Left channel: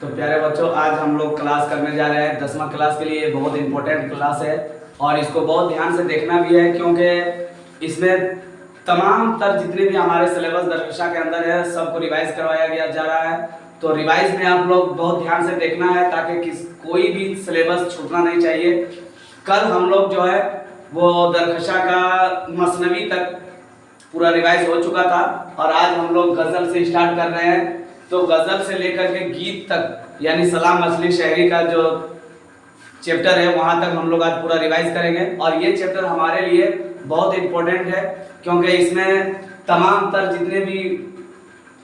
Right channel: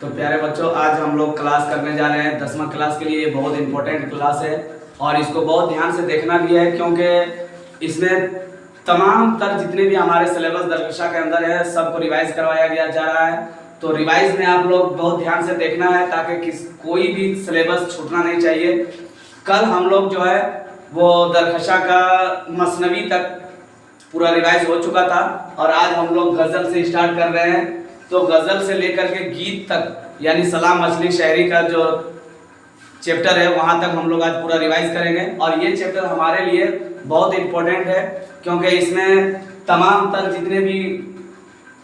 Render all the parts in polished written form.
तो प्यारे बच्चों, आज हम लोग क्लास करने जा रहे हैं 10वीं क्लास के लिए। ये बहुत इंपॉर्टेंट क्लास है और इसको बहुत ध्यान से देखना भी है, क्योंकि इसमें तमाम तर जितने भी हमारे सिलेबस दरकशा के अंदर है सबको रिवाइज करवाया गया जा रहा है। तो रिवाइज में आप लोग बहुत ध्यान से देखना है ताकि कोई भी सिलेबस छूटना नहीं चाहिए। कल हम लोग जो है वो दरकशा का मसनवी तक पूरा रिवाइज हो चुका था और आज हम लोग गज़ल से स्टार्ट कर रहे हैं। तो गज़ल से लेकर के गीत तक यानी सलाम मछली शायरी का जो चैप्टर है वहाँ तक हम लोग आज पूरा रिवाइज करेंगे। और ये चैप्टर हमारे लिए बहुत इम्पोर्टेंट है, क्योंकि इसमें तमाम तर जितने भी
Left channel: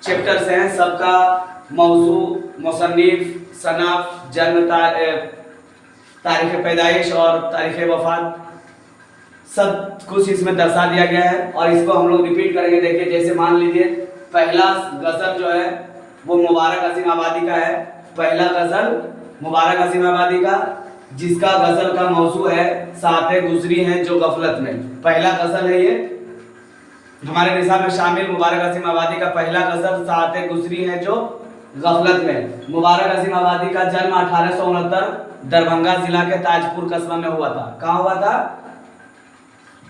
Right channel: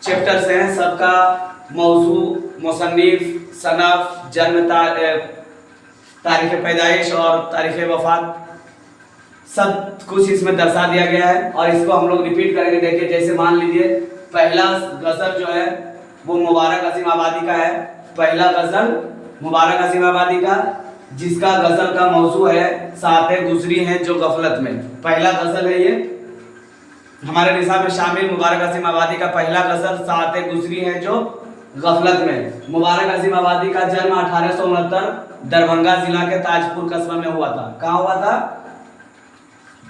चैप्टर्स हैं सबका मौजू, मुसन्निफ, सनफ, जन्म, तारीख़ पैदाइश और तारीख़ वफ़ात सब कुछ इसमें दर्शा दिया गया है। और इसको हम लोग रिपीट करेंगे। देखिए, जैसे मान लीजिए पहला गज़ल जो है वो मुबारक अजीम आबादी का है। पहला गज़ल मुबारक अजीम आबादी का, जिसका गज़ल का मौजू है सातें गुजरी हैं जो गफलत में। पहला गज़ल है ये हमारे निसाब में शामिल। मुबारक अजीम आबादी का पहला गज़ल सातें गुजरी हैं जो गफलत में। मुबारक अजीम आबादी का जन्म 1869 दरभंगा जिला के ताजपुर कस्बा में हुआ था। कहाँ हुआ था?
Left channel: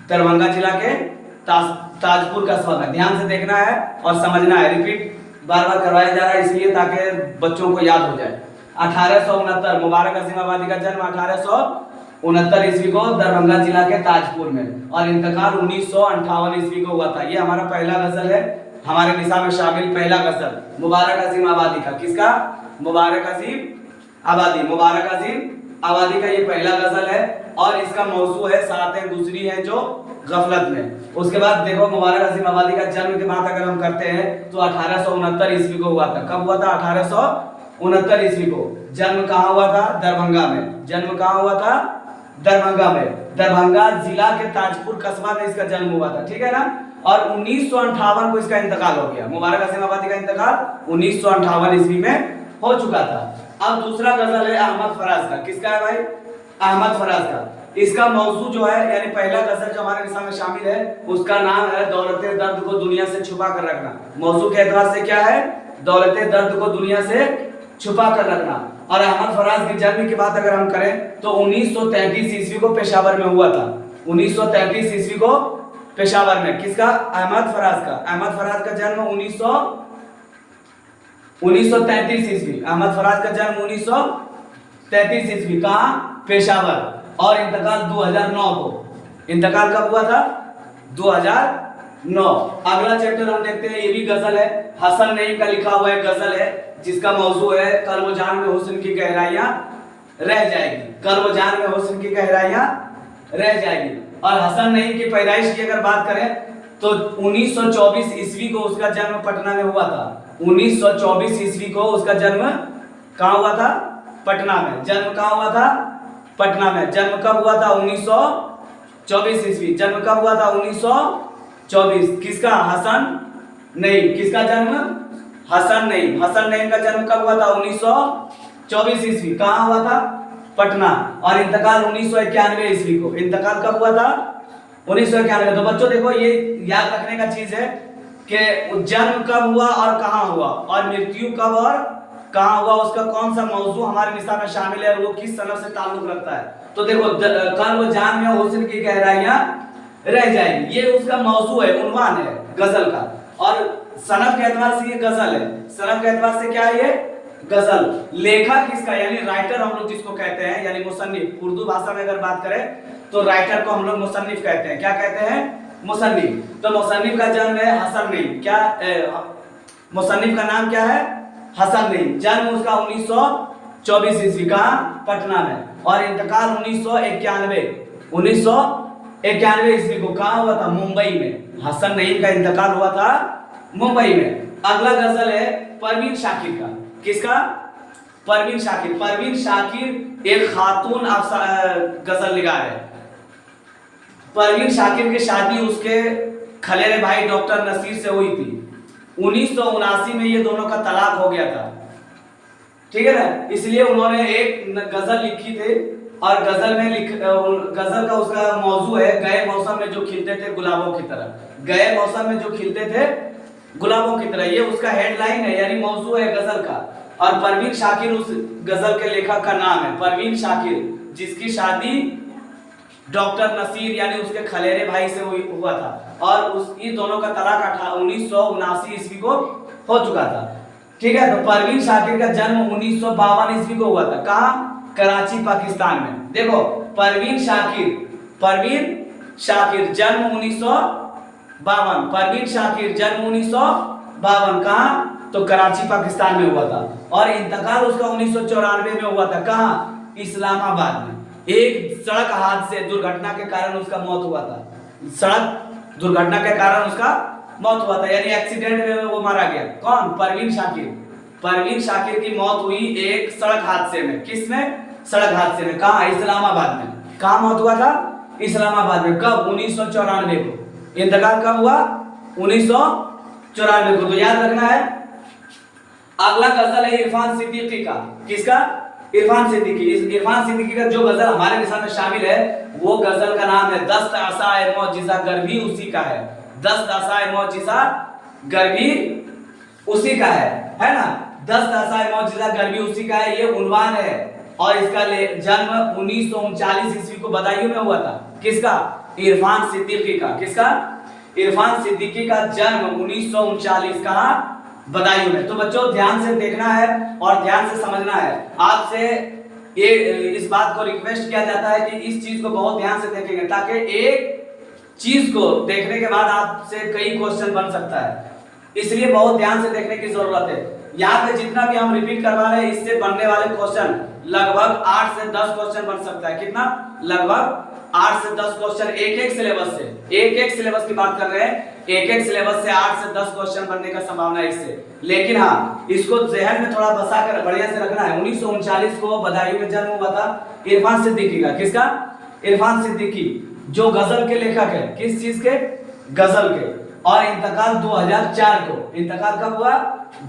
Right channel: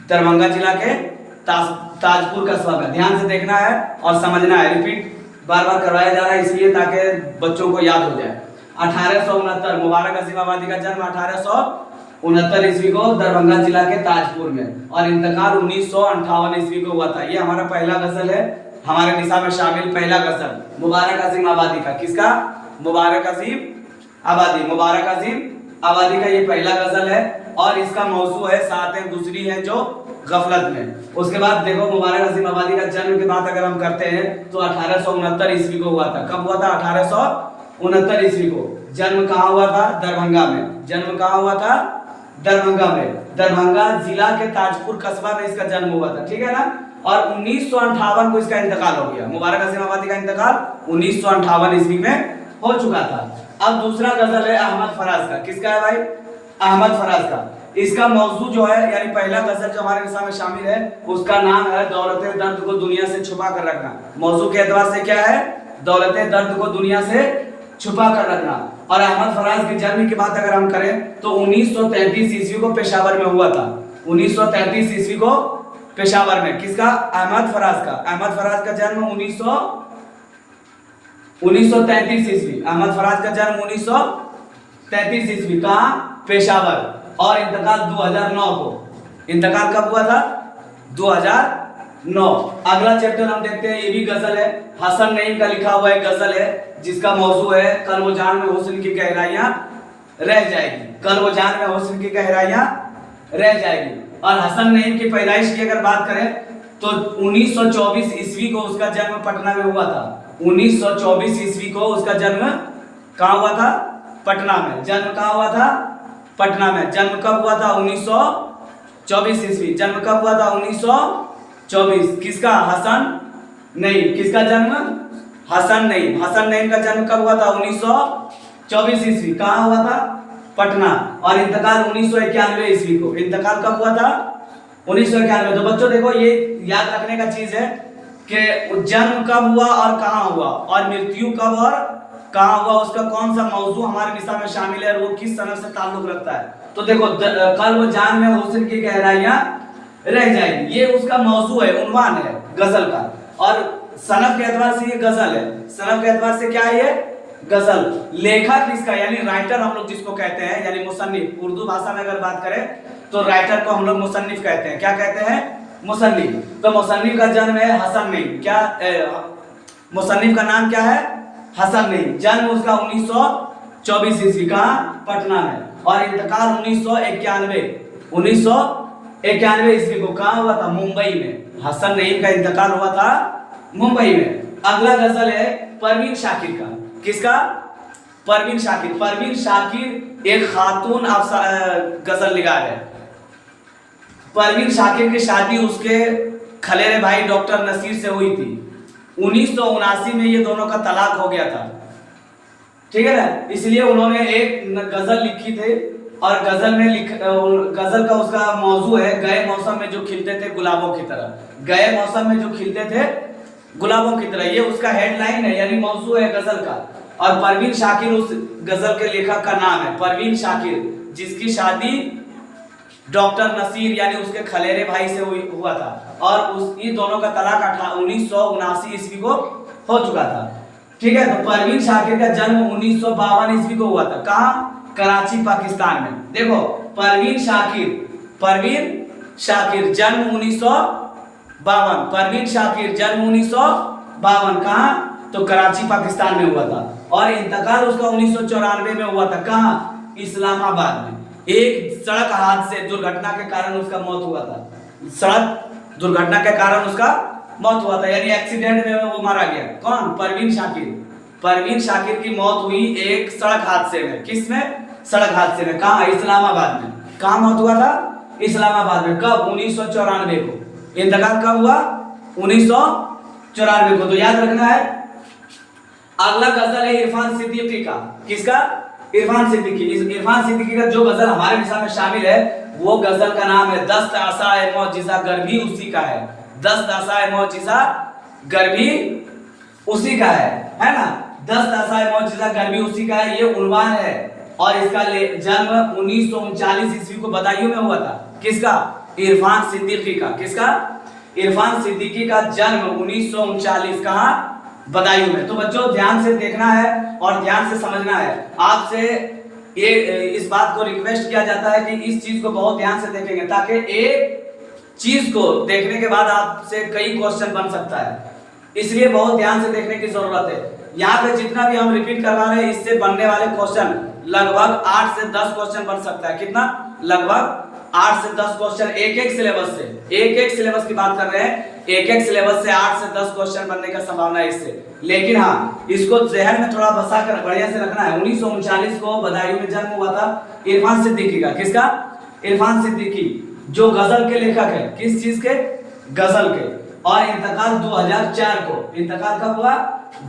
दरभंगा जिला के ताजपुर कस्बा में। ध्यान से देखना है और समझना है। रिपीट बार बार करवाया जा रहा है इसलिए ताकि बच्चों को याद हो जाए। 1869 मुबारक अजीम आबादी का जन्म 1869 ईस्वी को दरभंगा जिला के ताजपुर में और इंतकाल 1958 ईस्वी को हुआ था। ये हमारा पहला गज़ल है, हमारे निसाब में शामिल पहला गज़ल मुबारक अजीम आबादी का। किसका? मुबारक अजीम आबादी। मुबारक अजीम आबादी का ये पहला गज़ल है और इसका मौजू है सातें गुजरी हैं जो गफलत में। उसके बाद देखो, मुबारक अजीम आबादी का जन्म की बात अगर हम करते हैं तो 1869 ईस्वी को हुआ था। कब हुआ था? 1869 ईस्वी को। जन्म कहाँ हुआ था? दरभंगा में। जन्म कहाँ हुआ था? दरभंगा में। दरभंगा जिला के ताजपुर कस्बा में इसका जन्म हुआ था। ठीक है ना? और 1958 को इसका इंतकाल हो गया। मुबारक अजीम आबादी का इंतकाल 1958 ईस्वी में हो चुका था। अब दूसरा गज़ल है अहमद फराज का। किसका है भाई? अहमद फराज का। इसका मौजू जो है यानी पहला गज़ल जो हमारे निसाब में शामिल है उसका नाम है दौलते दर्द को दुनिया से छुपा कर रखना। मौजू के एतबार से क्या है? दौलते दर्द को दुनिया से छुपा कर रखना। और अहमद फराज के जन्म की बात अगर हम करें तो 1933 ईस्वी को पेशावर में हुआ था। 1933 ईस्वी को पेशावर में। किसका? अहमद फराज का। अहमद फराज का जन्म 1933 ईस्वी। अहमद फराज का जन्म 1933 ईस्वी। कहाँ? पेशावर। और इंतकाल 2009 को। इंतकाल कब हुआ था? 2009। अगला चैप्टर हम देखते हैं, ये भी गज़ल है। हसन नईम का लिखा हुआ एक गज़ल है जिसका मौजू है कल वो जान में हुस्न की गहराइयां रह जाएगी। कल वो जान में हुस्न की गहराइयां रह जाएगी। और हसन नईम की पैदाइश की अगर बात करें तो 1924 ईस्वी को उसका जन्म पटना में हुआ था। 1924 ईस्वी को उसका जन्म कहाँ हुआ था? पटना में। जन्म कहाँ हुआ था? पटना में। जन्म कब हुआ था? 1924 ईस्वी। जन्म कब हुआ था? 1924। किसका? हसन नईम। किसका जन्म? हसन नईम। हसन नईम का जन्म कब हुआ था? 1924 ईस्वी। कहाँ हुआ था? पटना। और इंतकाल 1991 ईस्वी को। इंतकाल कब हुआ था? 1991। तो बच्चों देखो, ये याद रखने का चीज है कि जन्म कब हुआ और कहाँ हुआ और मृत्यु कब और कहाँ हुआ, उसका कौन सा मौजू हमारे निसाब में शामिल है और वो किस सनद से ताल्लुक रखता है। तो देखो, कल वो जान में हुस्न की गहराइयां रह जाएगी, ये उसका मौजू है, उन्वान है गज़ल का। और सनद के एतबार से ये गज़ल है। सनद के एतबार से क्या है ये? गज़ल। लेखक किसका यानी राइटर हम लोग जिसको कहते हैं यानी मुसन्निफ। उर्दू भाषा में अगर बात करें तो राइटर को हम लोग मुसन्निफ कहते हैं। क्या कहते हैं? मुसन्निफ। तो मुसन्निफ का जन्म है हसन नईम। क्या मुसन्निफ का नाम क्या है? हसन नईम। जन्म उसका 1924 ईस्वी। कहाँ? पटना में। और इंतकाल 1991 ईस्वी को। कहाँ हुआ था? मुंबई में। हसन नईम का इंतकाल हुआ था मुंबई में। अगला गज़ल है परवीन शाकिर का। किसका? परवीन शाकिर। परवीन शाकिर एक खातून गज़ल निगार है। परवीन शाकिर की शादी उसके खलेरे भाई डॉक्टर नसीर से हुई थी। 1979 में ये दोनों का तलाक हो गया था। ठीक है ना? इसलिए उन्होंने एक गज़ल लिखी थी और गज़ल का उसका मौजू है गए मौसम में जो खिलते थे गुलाबों की तरह। गए मौसम में जो खिलते थे गुलाबों की तरह, ये उसका हेडलाइन है यानी मौजू है गजल का। और परवीन शाकिर उस गजल के लेखक का नाम है, परवीन शाकिर, जिसकी शादी डॉक्टर नसीर यानी उसके खलेरे भाई से हुआ था और उस इन दोनों का तलाक 1979 ईस्वी को हो चुका था। ठीक है, तो परवीन शाकिर का जन्म 1952 ईस्वी को हुआ था। कहाँ? कराची पाकिस्तान में। देखो परवीन शाकिर जन्म 1952, परवीन शाकिर जन्म 1952, कहाँ? तो कराची पाकिस्तान में हुआ था और इंतकाल उसका 1994 में हुआ था। कहाँ? इस्लामाबाद में। एक सड़क हादसे दुर्घटना के कारण उसका मौत हुआ था, सड़क दुर्घटना के कारण उसका मौत हुआ था, यानी एक्सीडेंट में वो मारा गया। कौन? परवीन शाकिर की मौत हुई एक सड़क हादसे में। किस में? सड़क हादसे में। कहाँ? इस्लामाबाद में। कहाँ मौत हुआ था? इस्लामाबाद में। कब? 1994 को। इंतकाल कब हुआ? 1994 को। तो याद रखना है। अगला गजल है इरफान सिद्दीकी का। किसका? इरफान सिद्दीकी। इस इरफान सिद्दीकी का जो गजल हमारे निशान में शामिल है वो गजल का नाम है दस्त असाए मौजिज़ा गर भी उसी का है। दस्त असाए मौजिज़ा गर भी उसी का है ना? दस्त असाए मौजिज़ा गर भी उसी का है, ये उन्वान है और इसका जन्म 1939 ईस्वी को बदायूं में हुआ था। किसका? इरफान सिद्दीकी का। किसका? इरफान सिद्दीकी का जन्म 1939 कहाँ? बदायूं में। तो बच्चों ध्यान से देखना है और ध्यान से समझना है। आपसे ये इस बात को रिक्वेस्ट किया जाता है कि इस चीज को बहुत ध्यान से देखेंगे ताकि एक चीज को देखने के बाद आपसे कई क्वेश्चन बन सकता है, इसलिए बहुत ध्यान से देखने की जरूरत है। यहाँ पे जितना भी हम रिपीट करवा रहे हैं इससे बनने वाले क्वेश्चन लगभग 8 से 10 क्वेश्चन बन सकता है। कितना? लगभग 8 से 10 क्वेश्चन एक सिलेबस से, एक सिलेबस की बात कर रहे हैं, एक सिलेबस से 8 से 10 क्वेश्चन बनने का संभावना है इससे। लेकिन हाँ, इसको जहन में थोड़ा बसा कर बढ़िया से रखना है। 1939 को बदायूं में जन्म हुआ था इरफान सिद्दीकी का। किसका? इरफान सिद्दीकी, जो गजल के लेखक है। किस चीज के? गजल के। और इंतकाल 2004 को। इंतकाल कब हुआ?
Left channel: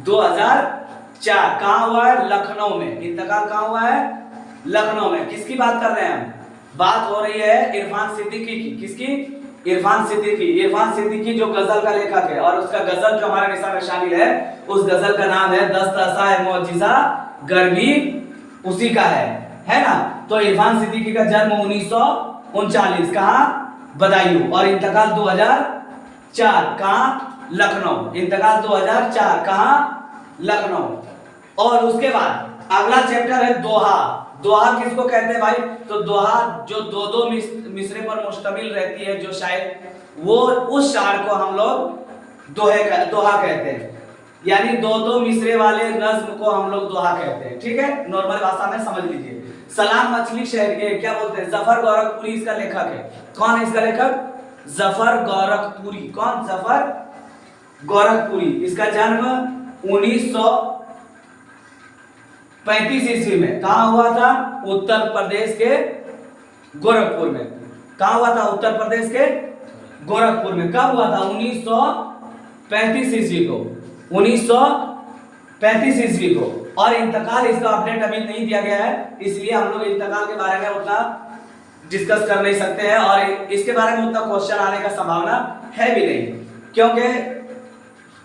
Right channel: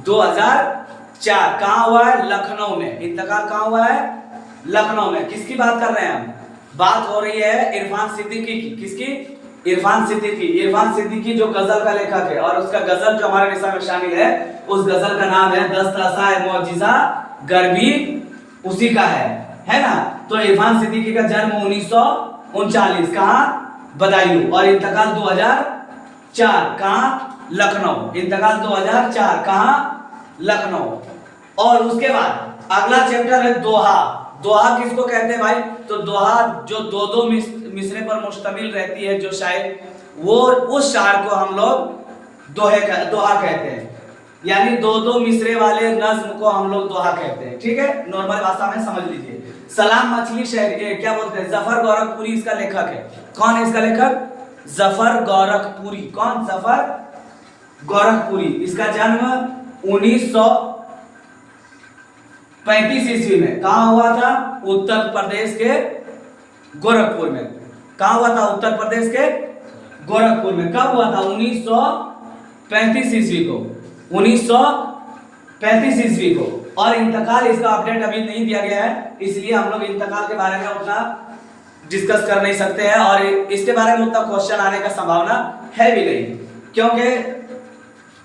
2004। कहाँ हुआ है? लखनऊ में। इंतकाल कहाँ हुआ है? लखनऊ में। किसकी बात कर रहे हैं हम? बात हो रही है इरफान सिद्दीकी की। किसकी? इरफान सिद्दीकी जो गजल का लेखक है और उसका गजल जो हमारे निशान में शामिल है उस गजल का नाम है दस्त असाए मौजिज़ा गर भी उसी का है ना? तो इरफान सिद्दीकी का जन्म 1939 कहाँ? बदायूं और इंतकाल 2004 कहाँ? लखनऊ। इंतकाल 2004 कहाँ? लखनऊ। और उसके बाद अगला चैप्टर है दोहा। दोहा किसको कहते हैं भाई? तो दोहा जो दो मिसरे पर मुश्तमिल रहती है जो शायर, वो उस शायर को हम लोग दोहा कहते हैं, यानी दो मिसरे वाले नज्म को हम लोग दोहा कहते हैं। ठीक है, नॉर्मल भाषा में समझ लीजिए। सलाम मछली शहर क्या बोलते हैं? जफर गोरखपुरी इसका लेखक है। कौन है इसका लेखक? जफर गोरखपुरी। कौन? जफर गोरखपुरी। इसका जन्म 1935 ईस्वी में कहाँ हुआ था? उत्तर प्रदेश के गोरखपुर में। कहाँ हुआ था? उत्तर प्रदेश के गोरखपुर में। कब हुआ था? 1935 ईस्वी को। 1935 ईस्वी को। और इंतकाल इसका अपडेट अभी नहीं दिया गया है, इसलिए हम लोग इंतकाल के बारे में उतना डिस्कस कर नहीं सकते हैं और इसके बारे में उतना क्वेश्चन आने का संभावना है भी नहीं, क्योंकि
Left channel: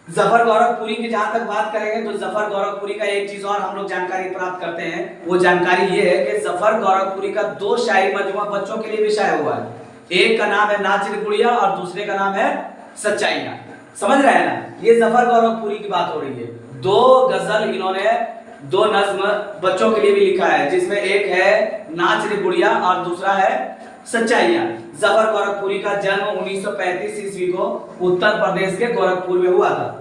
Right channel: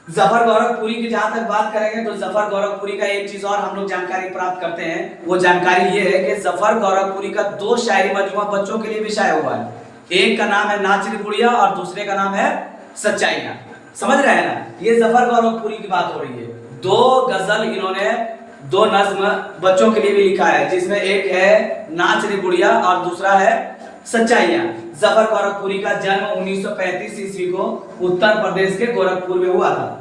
जफर गोरखपुरी की जहां तक बात करेंगे तो जफर गोरखपुरी का एक चीज और हम लोग जानकारी प्राप्त करते हैं। वो जानकारी ये है कि जफर गोरखपुरी का 2 शायरी मजमूआ बच्चों के लिए भी शाया हुआ है। एक का नाम है नाच रे गुड़िया और दूसरे का नाम है सच्चाइयां। समझ रहे हैं ना? ये जफर गोरखपुरी की बात हो रही है। 2 गजल इन्होंने 2 नज्म बच्चों के लिए भी लिखा है, जिसमें एक है नाच रे गुड़िया और दूसरा है सच्चाइयां। जफर गोरखपुरी का जन्म 1935 ईस्वी को उत्तर प्रदेश के गोरखपुर में हुआ था।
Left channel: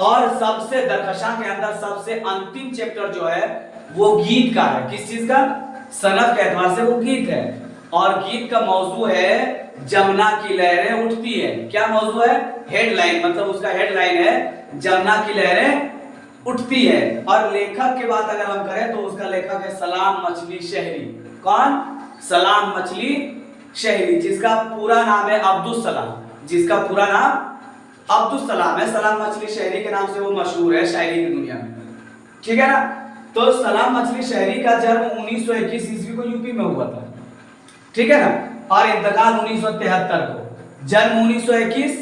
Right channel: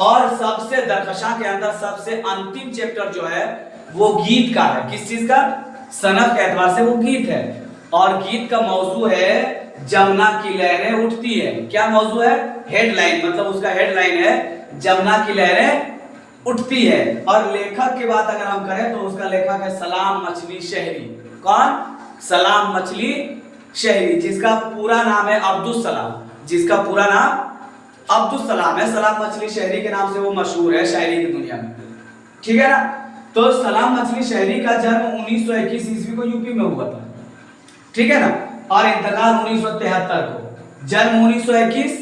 और सबसे दरकशा के अंदर सबसे अंतिम चैप्टर जो है वो गीत का है। किस चीज का? सनद के एतबार से वो गीत है और गीत का मौजू है जमुना की लहरें उठती है। क्या मौजू है? हेडलाइन, मतलब उसका हेडलाइन है जमुना की लहरें उठती है। और लेखक की बात अगर हम करें तो उसका लेखक है सलाम मछली शहरी। कौन? सलाम मछली शहरी, जिसका पूरा नाम है अब्दुल सलाम। जिसका पूरा नाम अब्दुल सलाम है। सलाम मछली शहरी के नाम से वो मशहूर है शायरी की दुनिया में। ठीक है ना? तो सलाम मछली शहरी का जन्म 1921 ईस्वी को यूपी में हुआ था। ठीक है ना? और इंतकाल 1973 को। जन्म 1921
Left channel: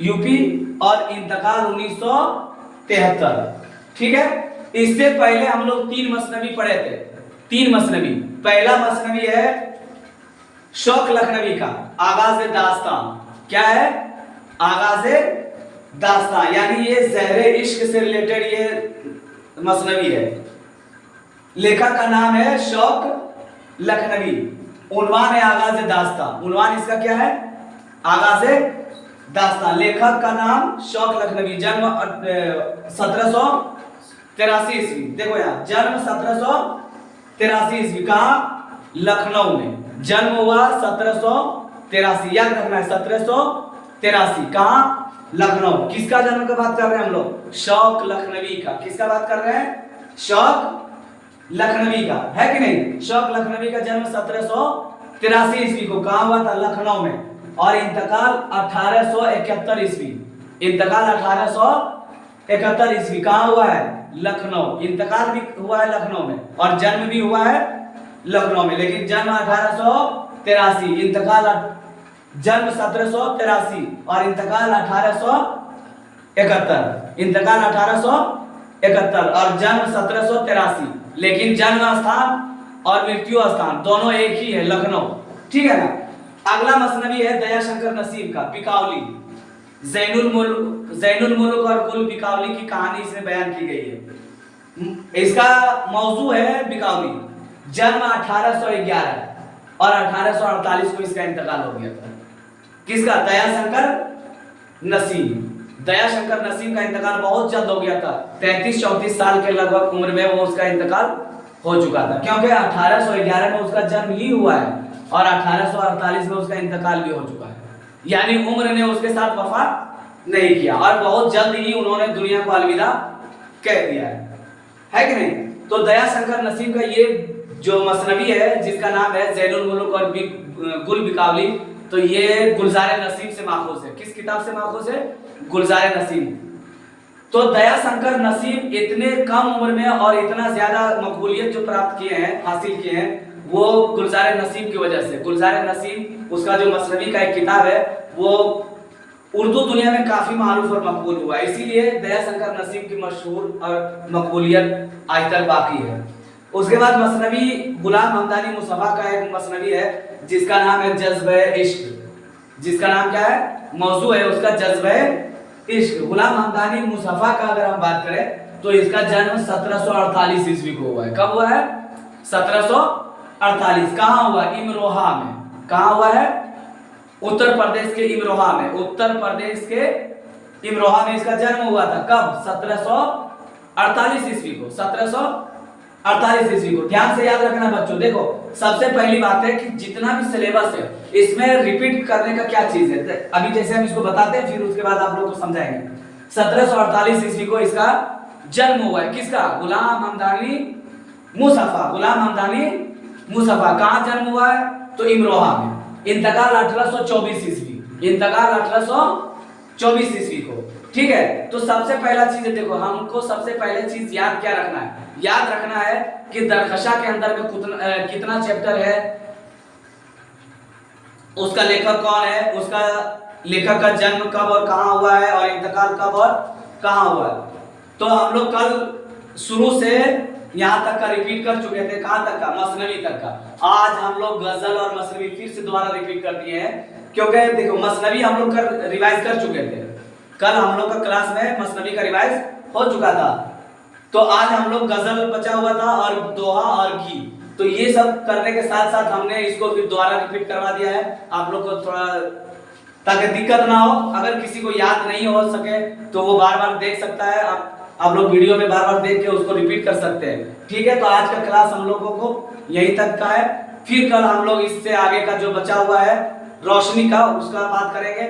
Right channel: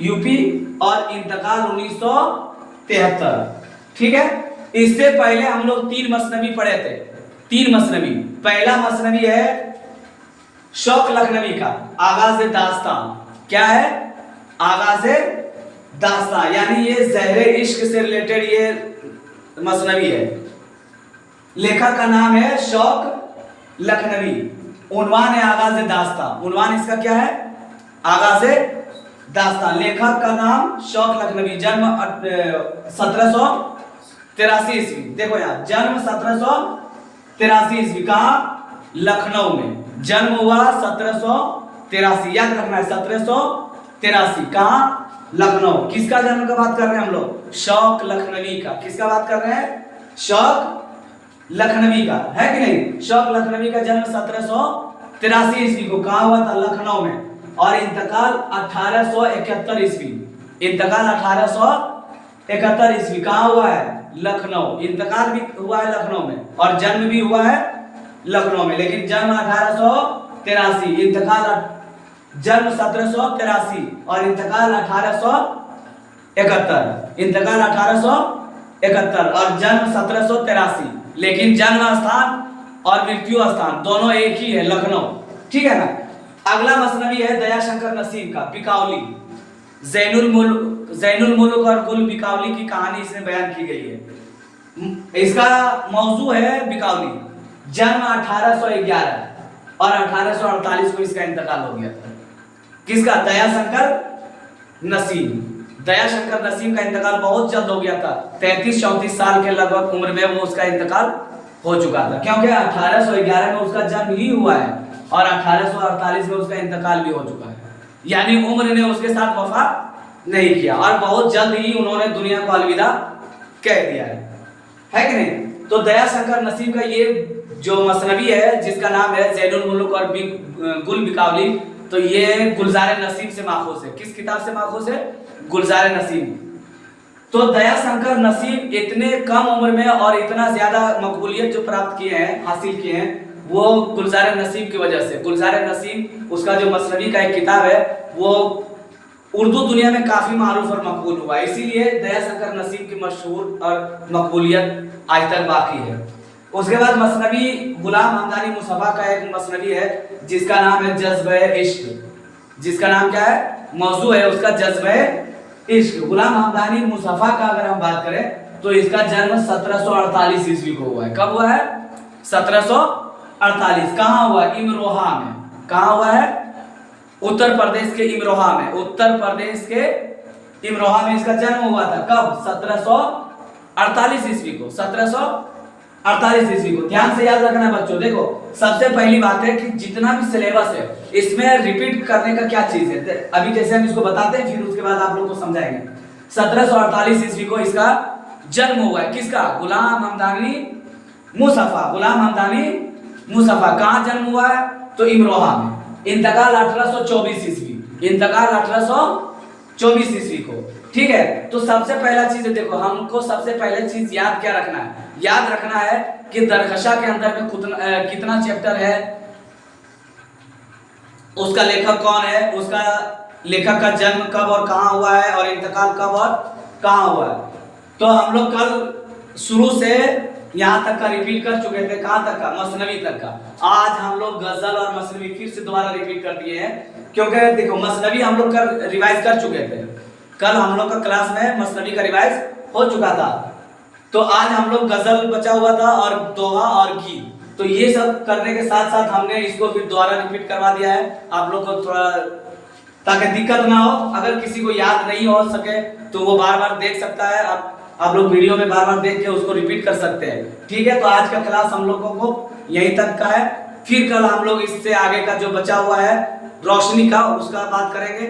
यूपी और इंतकाल 1973। ठीक है, इससे पहले हम लोग 3 मसनवी पढ़े थे। 3 मसनवी। पहला मसनवी है शौक लखनवी का आगाज़ दास्तान। क्या है? आगाज़ दास्तान, यानी ये ज़हरे इश्क से रिलेटेड ये मसनवी है। लेखक का नाम है शौक लखनवी। उन्वान है आगाज़ दास्तान। उन्वान इसका क्या है? आगाज़ दास्तान। लेखक का नाम शौक लखनवी। जन्म 1783 ईस्वी। देखो यहाँ जन्म 1783 ईस्वी। कहाँ? लखनऊ में जन्म हुआ 1783। याद रखना है 1783। कहाँ? लखनऊ। किसका जन्म का बात कर रहे हैं हम लोग? शौक लखनवी का। किसका बात कर रहे हैं? शौक लखनवी का, है कि नहीं? शौक लखनवी का जन्म 1783 ईस्वी को कहाँ हुआ था? लखनऊ में। और इंतकाल 1871 ईस्वी। इंतकाल 1871 ईस्वी। कहाँ हुआ है? लखनऊ। इंतकाल भी हुआ है लखनऊ में और जन्म भी हुआ है लखनऊ में, लेकिन जन्म 1883, इंतकाल जन्म 1783 और इंतकाल 1871। इंतकाल 1871 और जन्म 1783, लेकिन जन्म स्थान और मृत्यु स्थान दोनों एक ही है, लखनऊ। ठीक है ना? अगला मसनवी है दयाशंकर नसीम का बिकावली। जैनुल मुल्क और गुल बिकावली की कहानी इसमें बयान की गई है। इसका मौजू है बिकावली। जन्म 1811 और 1848 को इसका इंतकाल हो गया था। किसका? दयाशंकर नसीम। दयाशंकर नसीम का इंतकाल बहुत जल्द हो गया था। 33-34 साल के लगभग उम्र में वो उसका इंतकाल हो चुका था, क्योंकि 1811 में उसका जन्म ही हुआ है और 1848 में उसका इंतकाल भी हो चुका है। यानी उम्र ने उसके साथ वफा नहीं किया और बहुत जल्द ही उन्होंने दुनिया को अलविदा कह दिया है कि नहीं? तो दयाशंकर नसीम का ये जो मसनवी है जिसका नाम है ज़ैनुल मुल्क और गुल बिकावली, तो ये गुलजार नसीम से माखूज है। किस किताब से माखूज है? गुलजार नसीम। तो दयाशंकर नसीम इतने कम उम्र में और इतना ज्यादा मकबूलियत जो प्राप्त किए हैं, हासिल किए हैं, वो गुलजार नसीम की वजह से। गुलजार नसीम उसका जो मसनवी का एक किताब है वो उर्दू दुनिया में काफी मारूफ और मकबूल हुआ, इसीलिए दयाशंकर नसीम की मशहूर और मकबूलियत आज तक बाकी है। उसके बाद मसनवी गुलाम हमदानी मुस्तफा का एक मसनवी है जिसका नाम है जज्बे इश्क। जिसका नाम क्या है? मौजू है उसका जज्बे इश्क। गुलाम हमदानी मुस्तफा का अगर हम बात करें तो इसका जन्म 1748 ईस्वी को हुआ है। कब हुआ है? 1748। कहाँ हुआ? इमरोहा में। कहाँ हुआ है? उत्तर प्रदेश के इमरोहा में। उत्तर प्रदेश के इमरोहा में इसका जन्म हुआ था। कब? 1748 ईस्वी को। 1748 ईस्वी को। ध्यान से याद रखना बच्चों। देखो सबसे पहली बात है कि जितना भी सिलेबस है इसमें रिपीट करने का क्या चीज है। अभी जैसे हम इसको बताते हैं फिर उसके बाद आप लोग को समझाएंगे। 1748 ईस्वी को इसका जन्म हुआ है। किसका? गुलाम हमदानी मुस्तफा। गुलाम हमदानी मुस्तफा। कहाँ जन्म हुआ है? तो इमरोहा में। इंतकाल 1824 ईस्वी। इंतकाल 1824 ईस्वी को। ठीक है? तो सबसे पहला चीज है, देखो हमको सबसे पहले चीज याद क्या रखना है? याद रखना है कि दरकशा के अंदर में कितना चैप्टर है, उसका लेखक कौन है, उसका लेखक का जन्म कब और कहाँ हुआ है और इंतकाल कब और कहाँ हुआ है। तो हम लोग कल शुरू से यहाँ तक का रिपीट कर चुके थे। कहाँ तक का? मसनवी तक का। आज हम लोग गजल और मसनवी फिर से दोबारा रिपीट कर दिए हैं, क्योंकि देखो मसनवी हम लोग का रिवाइज कर चुके थे। कल हम लोग का क्लास में मसनवी का रिवाइज हो चुका था, तो आज हम लोग गजल बचा हुआ था और दोहा और गीत। तो ये सब करने के साथ साथ हमने इसको फिर दोबारा रिपीट करवा दिया है आप लोग को, थोड़ा ताकि दिक्कत ना हो। अगर किसी को याद नहीं हो सके तो वो बार बार देख सकता है। आप लोग वीडियो में बार बार देख के उसको रिपीट कर सकते हैं। ठीक है? तो आज का क्लास हम लोगों को यहीं तक का है। फिर कल हम लोग इससे आगे का जो बचा हुआ है रोशनी का, उसका बात करेंगे।